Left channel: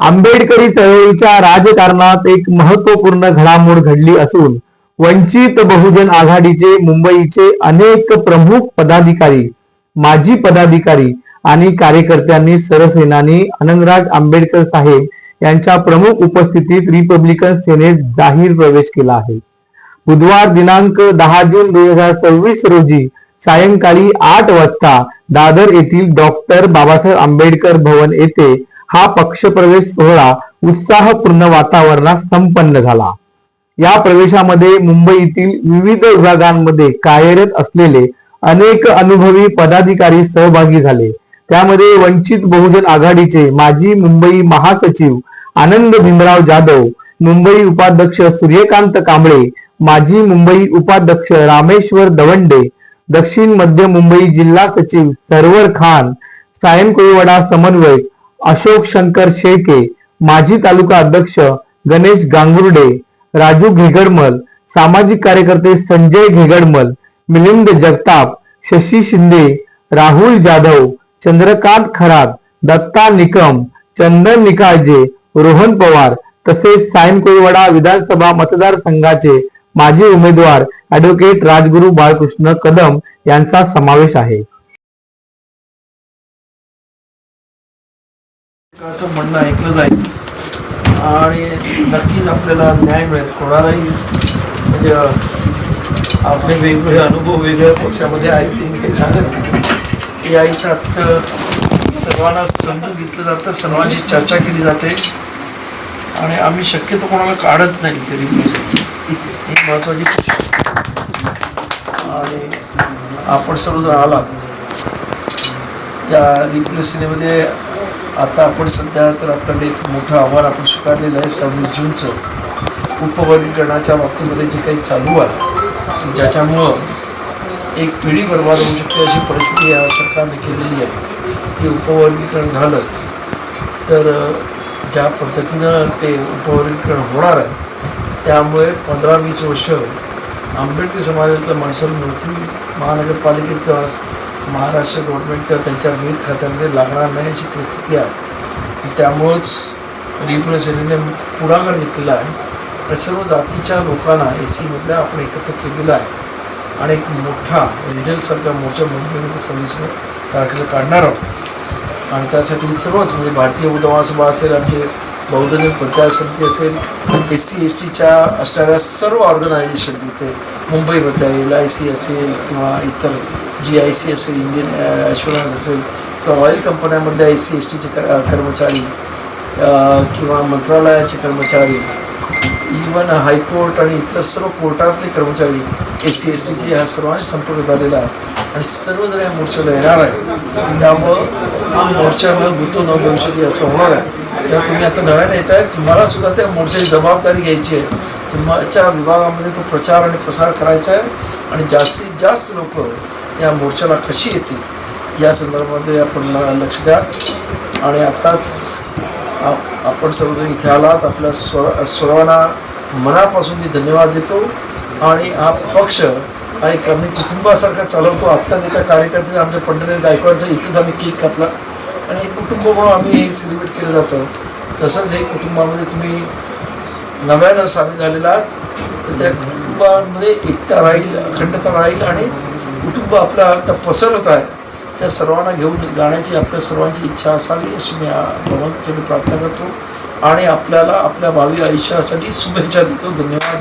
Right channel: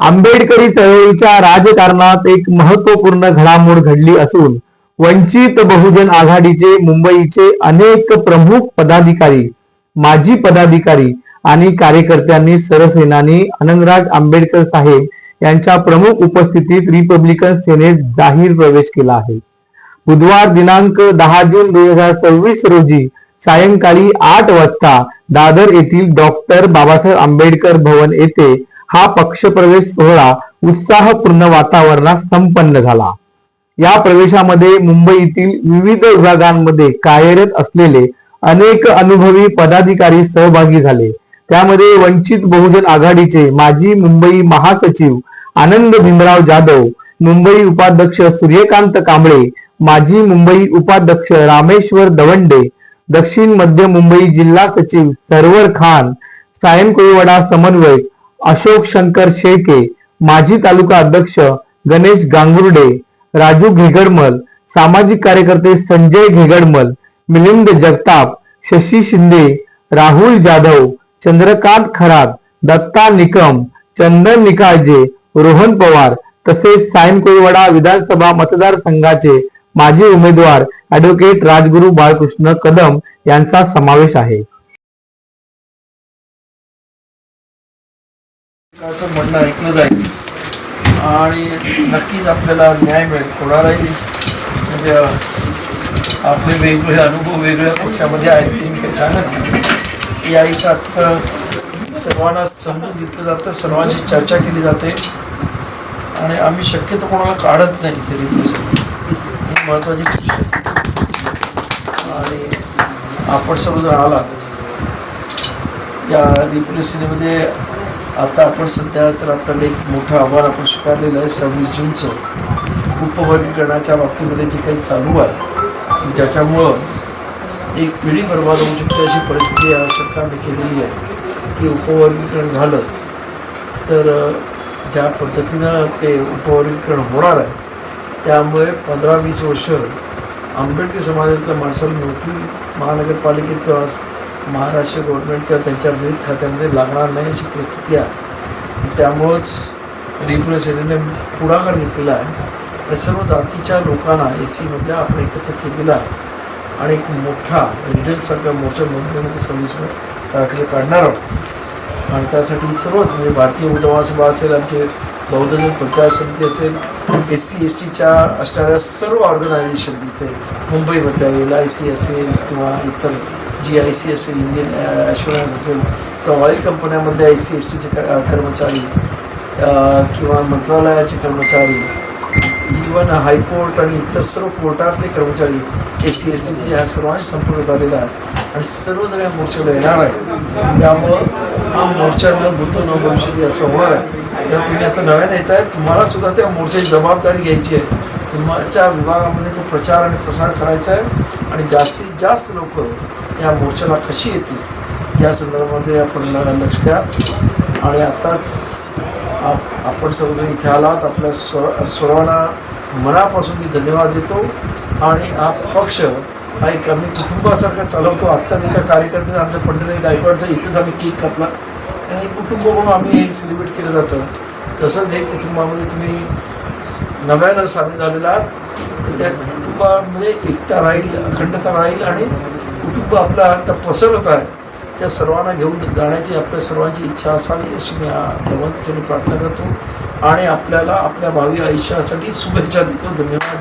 आंबेडकरी चळवळीच्या राजकारणात एक महत्त्वपूर्ण घडामोड घडली असून वंचित बहुजन आघाडीचे मुंबईचे अनेक प्रमुख पदाधिकारी, माजी पदाधिकारी आणि कार्यकर्त्यांनी सरसेनानी आनंदराज आंबेडकर साहेब यांच्या प्रमुख उपस्थितीत रिपब्लिकन सेनेत जाहीर प्रवेश केला आहे. बुधवार दिनांक 10 जून 2026 रोजी सायंकाळी 8 वाजता दादर येथील डॉक्टर बाबासाहेब आंबेडकर भवन येथे हा पक्षप्रवेश सोहळा उत्साहपूर्ण वातावरणात संपन्न झाला. या प्रवेशामध्ये मुंबईतील विविध विभागांमध्ये कार्यरत असलेले अनेक अनुभवी पदाधिकारी सहभागी झाले. त्यामध्ये वंचित बहुजन आघाडीचे माजी मुंबई महासचिव आनंद भीमराव जाधव, मुंबई उपाध्यक्ष सूर्यकांत कांबळे, माजी मुंबई उपाध्यक्ष रामेश्वर दवंडे, दक्षिण मध्य मुंबई जिल्हा सचिव सरवर खान, सायन कोळीवाडा समन्वयक अशोक शंकर शेळके, माजी तालुका अध्यक्ष गणेश गांगुर्डे, राजू घेगडमल, सामाजिक कार्यकर्ते संजय घेगडमल, मिलिंद जगताप, शशी शिंदे, राहुल जाधव, चंद्रकांत खरात, दत्ता निकम, चंदन निकाळजे, रोहन पवार तसेच सायन कोळीवाडा विधानसभा मतदारसंघाचे माजी उमेदवार ॲडव्होकेट राजगुरू बाळकृष्ण कदम यांचा समावेश आहे. म्हणणं ऐकलं जाईल आणि नक्कीच आपल्याला न्याय मिळेल. कोणालाही म्हणजे आपले वेगवेगळे अनुभव वेगळ्या पक्षामध्ये आहेत ते मी सांगत या एकात सर्वांना समजून घेतलं जातं, सर्वांची चर्चा केली जाते आणि आम्ही शक्यतो कोणाला काढत नाही तरी ही महत्त्वाची गोष्ट. आणि आपण सर्वजण आलात या रिप्रेसिनेमध्ये. आता आपण सध्या तर आपल्याला एक मोठं आव्हान आपण स्वीकारलेलं आहे. 26 जूनचं उपवर्गीकरणाच्या बाबतीमध्ये जे काही चालू आहे की ज्याच्यामुळं एक पिढी बरबाद होऊ शकते अशी परिस्थिती या सरकारने केलेली आहे. की उपवर्गीकरण झालं तर ज्या पद्धतीनं ते उपवर्गीकरण होणार आहे त्यामुळे 15-20 वर्ष आंबेडकर समाजातल्या माणसाला नोकरी महानगरपालिकेत किंवा महाराष्ट्र गव्हर्नमेंट किंवा त्यांच्या विविध खात्यामध्ये लागणार नाही अशी परिस्थिती आहे. त्यामुळंच रिपब्लिकन पुढाकार घेतलेला आहे. सर्व जातीच्या लोकांना SC आपण एकत्र केलेला आहे आणि एक मोठा रिडलसारखा मोर्चा मुंबईमध्ये 26 तारखेला काढणार आहोत. आणि त्यासाठी सर्वच म्हणजे भारतीय महासभा असेल, आमचे बौद्धजन पंचायत समिती असेल, SC STच्या असणाऱ्या सर्व ऑर्गनायझेशन इथे मुंबईमधल्या LIC असेल किंवा इतर GIC असेल, इंडियन ॲश्युरन्स असेल किंवा ऑइल कंपन्यामधल्या SC STचे कर्मचारी किंवा मंत्रालयाचे कर्मचारी, इवन हायकोर्ट आणि इतर सर्व कोर्टातले कर्मचारी SC STचे ह्या सर्वांशी संपर्क झालेला आहे आणि सर्वजण या मोर्चाला येणार आहे. त्यामुळं हा मोर्चा न भूतो न भविष्यती असं होणार आहे. तेव्हा तुम्ही आता नव्याने येत आहे, तुम्हाला सुद्धा त्या मोर्चाची जबाबदारी घ्यायची आहे. तुमच्या विभागामध्ये तो प्रचार आणि प्रसार करायचा आहे आणि जास्तीत जास्त लोक या मोर्चाला कशी येतील या संदर्भामध्ये आपण लक्ष द्या. आणि आत्ताच आपण सर्वजण इथे आलात, आपल्या सर्वांना मनापासून मी धन्यवाद देतो. आणि हा पक्ष हा एक आम्ही कुटुंबासारखा चालवतो. आत्ताच एका कार्यकर्ते आमच्या पंढरी गायकवाडचा इथंच आम्ही केक कापला आणि हे कुटुंब म्हणून आम्ही हे सेलिब्रेट केलं जातं. तसंच हे कुटुंबामध्ये तुम्ही नव्यानं सामील झालेला आहात तर त्या कुटुंबामध्ये एकता राहील, अखंडता राहील आणि कुटुंब आपला आता पसरत आहे त्या सर्वांना घेऊन जाण्याची आपल्या सर्वांची इच्छा असावी अशी मी भगवंताच्याने प्रार्थना करतो आणि आपल्याला आपल्या भावी आयुष्यासाठी शुभेच्छा देतो. धन्यवाद.